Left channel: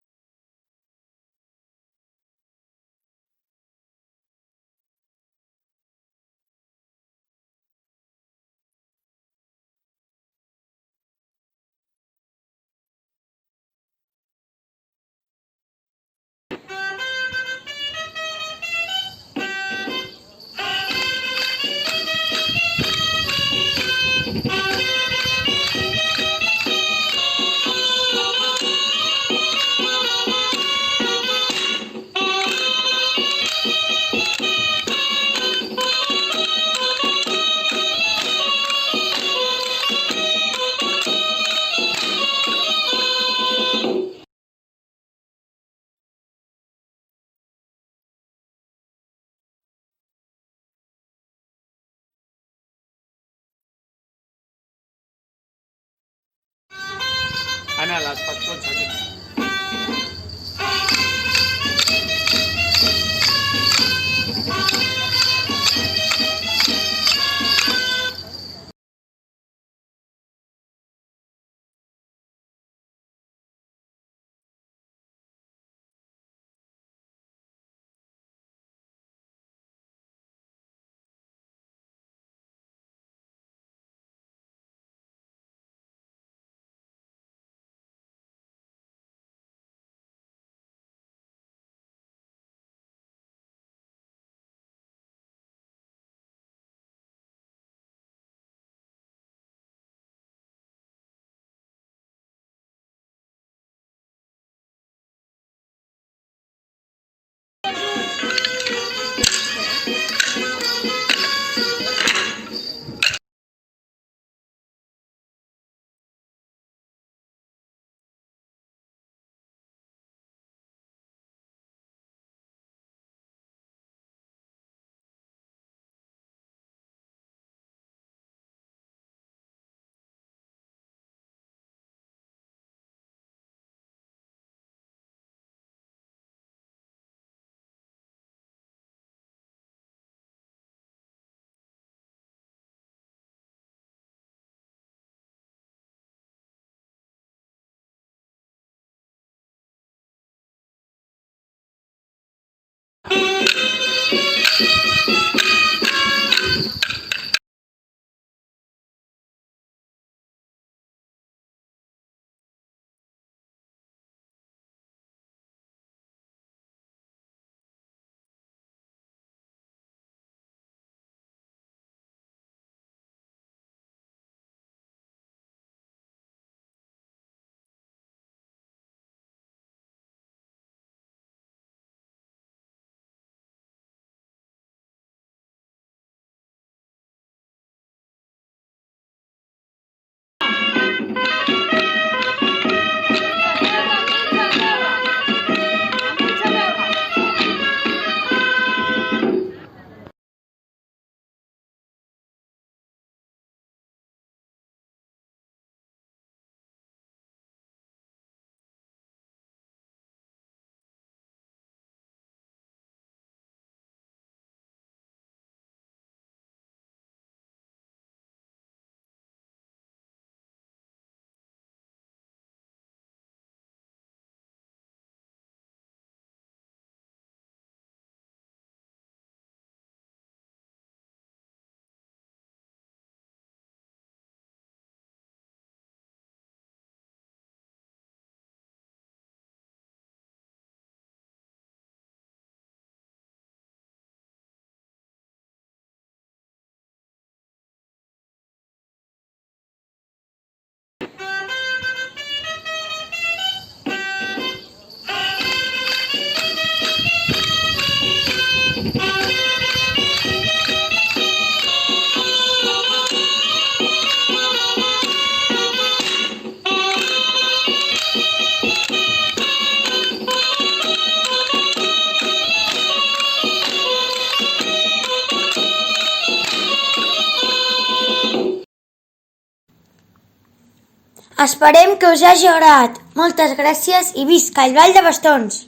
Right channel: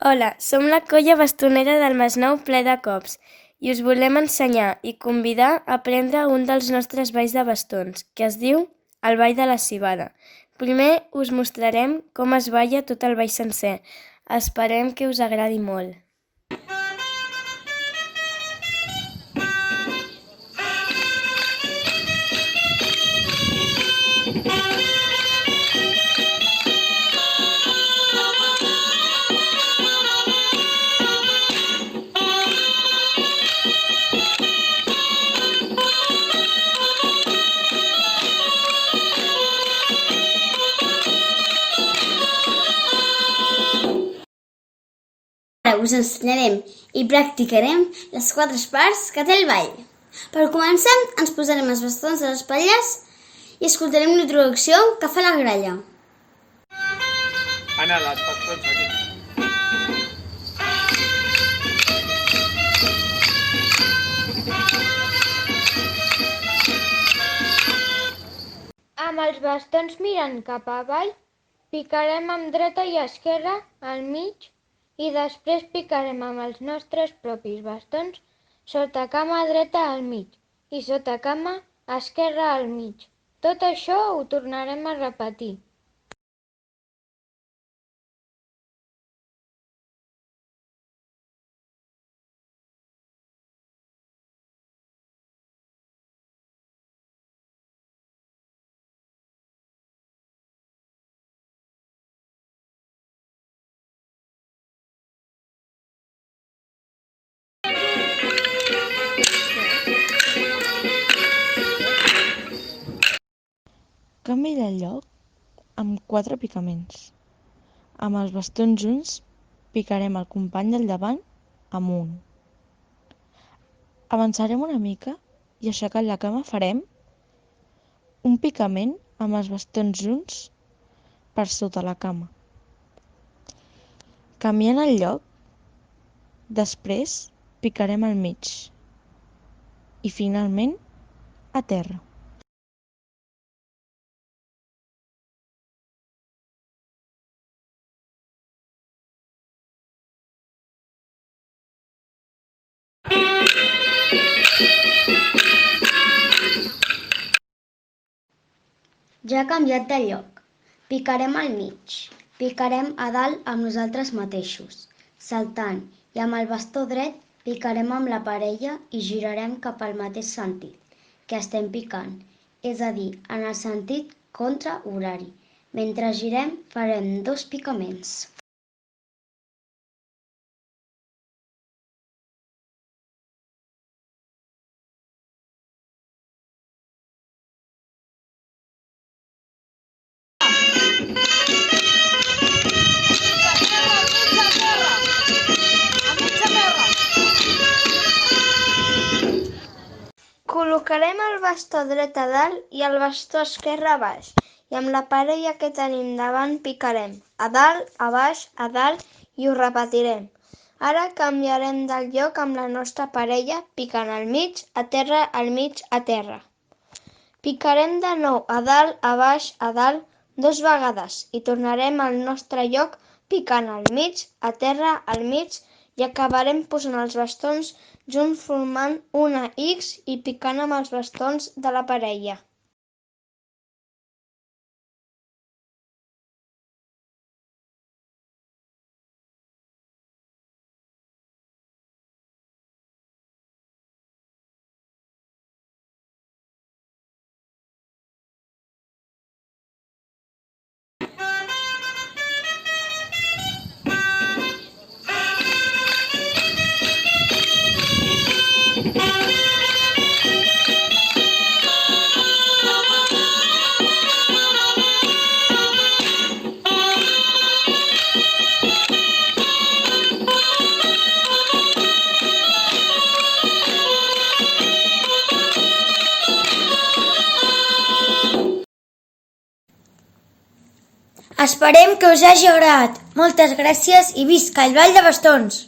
Hola, som la colla bastonera del Masnou ple de cops i us volem ensenyar i convidar a aprendre un dels nostres balls de bastons, que es diu el ball de la civada. Primer us mostrarem com es balla tot el ball sencer. Esperem que us agradi molt. Ara us ensenyarem i practicarem les 4 parts que té el ball. Per començar, ens posarem els bastons a les espatlles i escoltarem una introducció que fa la gralla. Anna, les bastons aquí. Amb els bastons mirant cap avall, picarem amb dreta i esquerra al mig i després picarem amb els nostres propis bastons sota cama dreta al mig i sota cama esquerra al mig. Tot això ho tornarem a repetir. Canvi de lloc amb 4 picaments. Amb els bastons junts picarem el company del davant amunt. Avançarem una mica i aixecant la cama farem un picament amb els bastons junts per sota la cama. Canviant el lloc, després picarem al mig i finalment a terra. Ja ha canviat de lloc. Picarem al mig. Picarem a dalt amb nosaltres mateixos, saltant, i amb el bastó dret picarem amb la parella i girarem cap al mateix sentit que estem picant, és a dir, en el sentit contrahorari. Mentre girem farem 2 picaments. Col·locarem el bastó dret a dalt i el bastó esquerre a baix i amb la parella que tenim davant picarem a dalt, a baix, a dalt i ho repetirem. Ara canviarem de lloc amb la nostra parella picant al mig, a terra, al mig, a terra. Picarem de nou a dalt, a baix, a dalt 2 vegades i tornarem al nostre lloc picant al mig, a terra, al mig i acabarem posant els bastons junts formant una X i picant amb els bastons de la parella. Esperem que us hagi agradat. Moltes gràcies i visca el ball de bastons!